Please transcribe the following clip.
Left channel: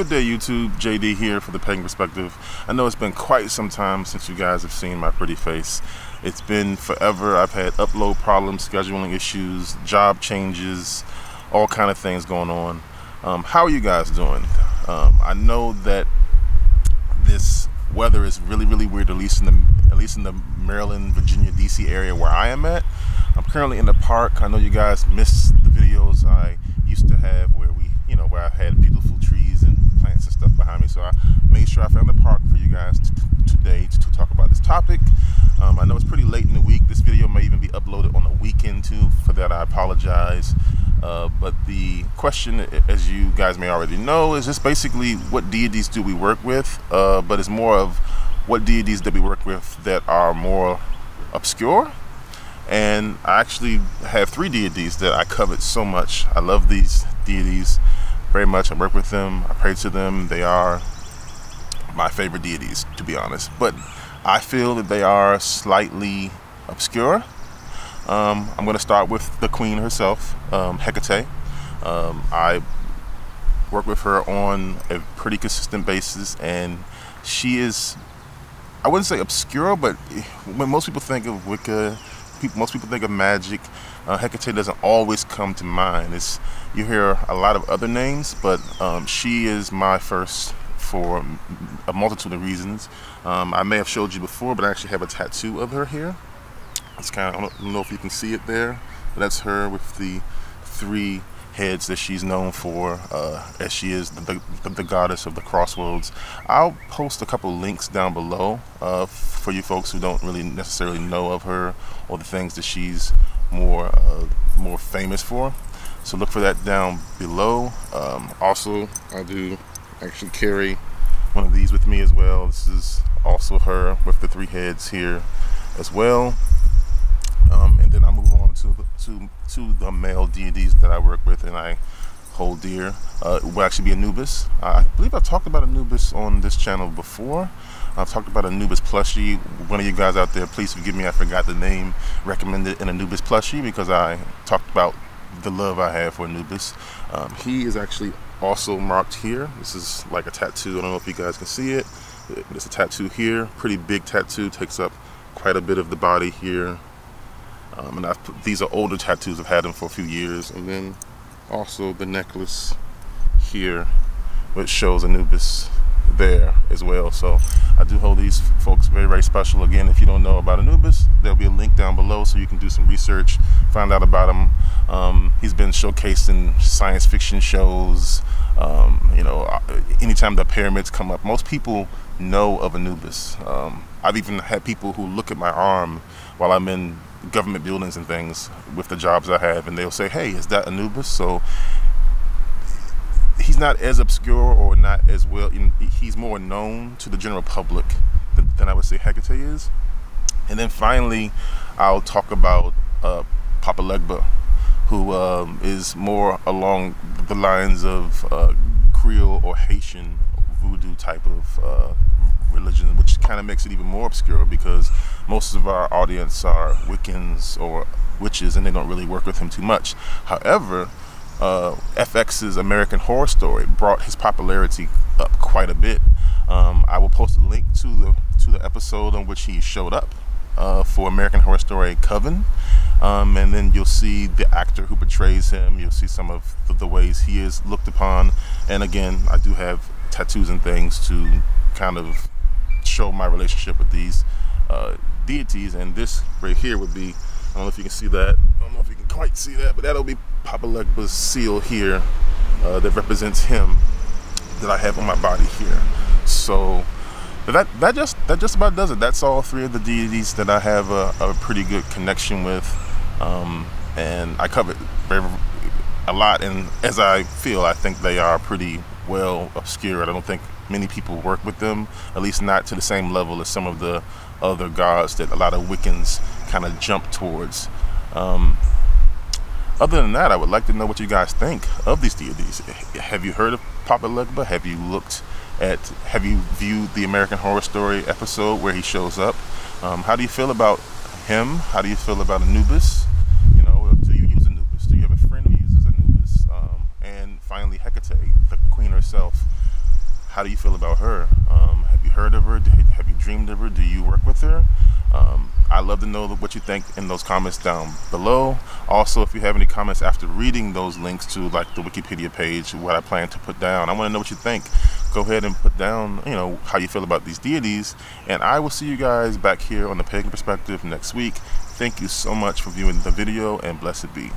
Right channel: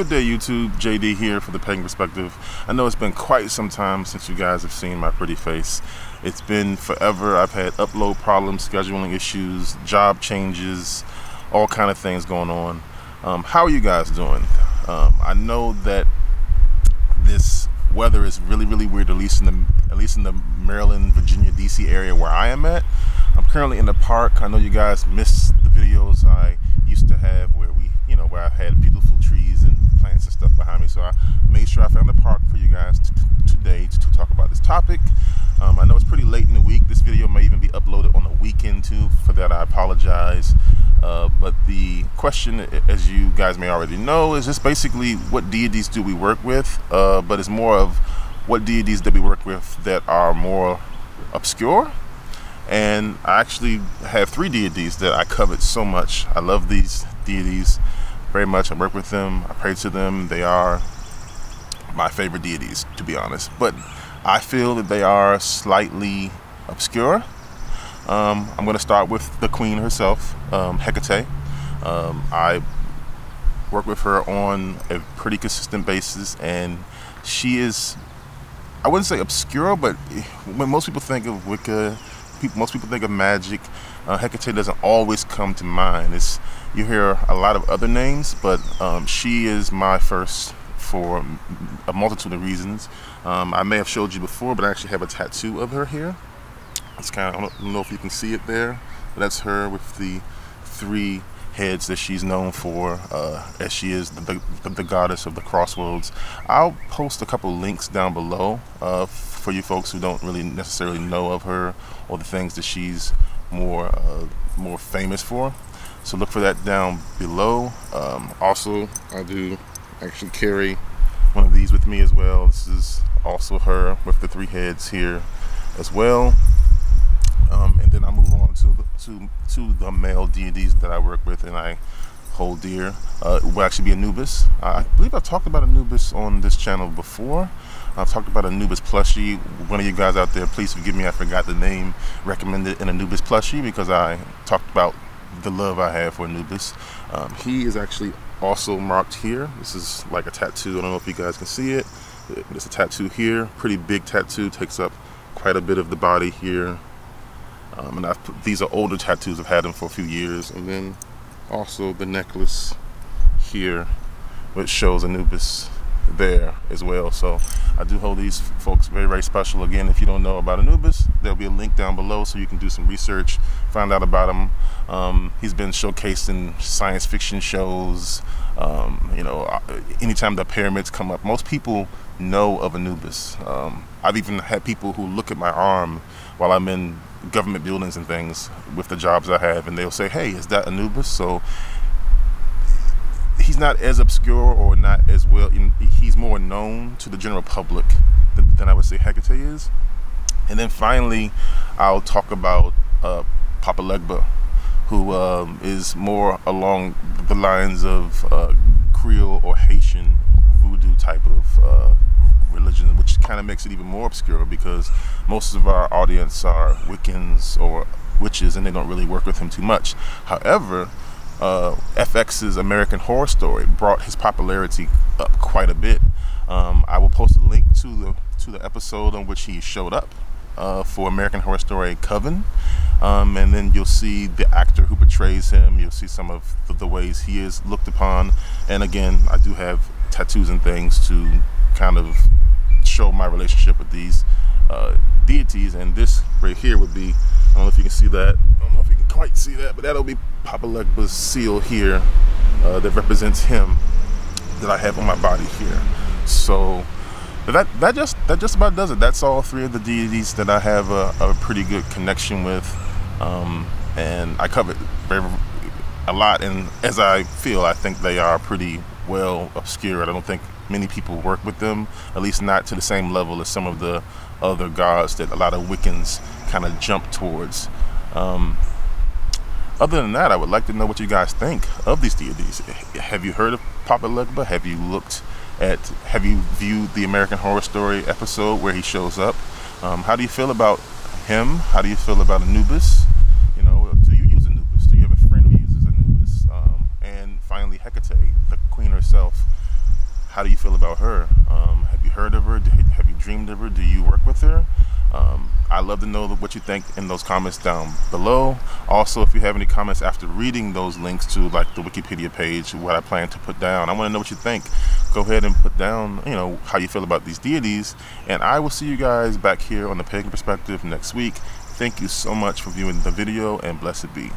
Good day, YouTube. JD here for the Pagan Perspective. I know it's been quite some time since you guys have seen my pretty face. It's been forever. I've had upload problems, scheduling issues, job changes, all kind of things going on. How are you guys doing? I know that this weather is really weird, at least in the Maryland, Virginia, DC area where I am at. I'm currently in the park. I know you guys missed the videos I used to have where where I had beautiful trees and plants and stuff behind me. So I made sure I found the park for you guys today to talk about this topic. I know it's pretty late in the week. This video may even be uploaded on the weekend too. For that, I apologize. But the question, as you guys may already know, is just basically what deities do we work with? But it's more of what deities that we work with that are more obscure. And I actually have 3 deities that I covet so much. I love these deities very much. I work with them. I pray to them. They are my favorite deities, to be honest. But I feel that they are slightly obscure. I'm going to start with the queen herself, HECATE. I work with her on a pretty consistent basis, and she is, I wouldn't say obscure, but when most people think of Wicca, most people think of magic, HECATE doesn't always come to mind. You hear a lot of other names, but she is my first for a multitude of reasons. I may have showed you before, but I actually have a tattoo of her here. It's kind of, I don't know if you can see it there, but that's her with the 3 heads that she's known for, as she is the goddess of the crossroads. I'll post a couple links down below for you folks who don't really necessarily know of her or the things that she's more famous for. So look for that down below. Also, I do actually carry one of these with me as well. This is also her with the 3 heads here as well. And then I move on to the male deities that I work with and I hold dear. It will actually be Anubis. I believe I've talked about Anubis on this channel before. I've talked about Anubis plushie. One of you guys out there, please forgive me, I forgot the name, recommended an Anubis plushie because I talked about the love I have for Anubis. He is actually also marked here. This is like a tattoo. I don't know if you guys can see it. It's a tattoo here, pretty big tattoo, takes up quite a bit of the body here. And these are older tattoos. I've had them for a few years. And then also the necklace here, which shows Anubis there as well. So I do hold these folks very special. Again, if you don't know about Anubis, there'll be a link down below so you can do some research, find out about him. He's been showcased in science fiction shows. Anytime the pyramids come up, most people know of Anubis. I've even had people who look at my arm while I'm in government buildings and things with the jobs I have, and they'll say, "Hey, is that Anubis?" So he's not as obscure or not as well. He's more known to the general public than I would say HECATE is. And then finally, I'll talk about Papa LEGBA, who is more along the lines of Creole or Haitian voodoo type of religion, which kind of makes it even more obscure because most of our audience are Wiccans or witches and they don't really work with him too much. However, FX's American Horror Story brought his popularity up quite a bit. I will post a link to the episode on which he showed up for American Horror Story Coven, and then you'll see the actor who portrays him. You'll see some of the ways he is looked upon, and again, I do have tattoos and things to kind of show my relationship with these deities. And this right here would be, I don't know if you can see that, I don't know if you can quite see that, but that'll be Papa LEGBA's seal here that represents him that I have on my body here. So that just about does it. That's all 3 of the deities that I have a pretty good connection with, and I covet a lot. And as I think they are pretty well obscured. I don't think many people work with them, at least not to the same level as some of the other gods that a lot of Wiccans kind of jump towards. Other than that, I would like to know what you guys think of these deities. Have you heard of Papa LEGBA? Have you viewed the American Horror Story episode where he shows up? How do you feel about him? How do you feel about Anubis? Do you use Anubis? Do you have a friend who uses Anubis? And finally, HECATE, the queen herself. How do you feel about her? Have you heard of her? Have you dreamed of her? Do you work with her? I'd love to know what you think in those comments down below. Also, if you have any comments after reading those links to like the Wikipedia page, what I plan to put down, I want to know what you think. Go ahead and put down, you know, how you feel about these deities, and I will see you guys back here on the Pagan Perspective next week. Thank you so much for viewing the video, and blessed be.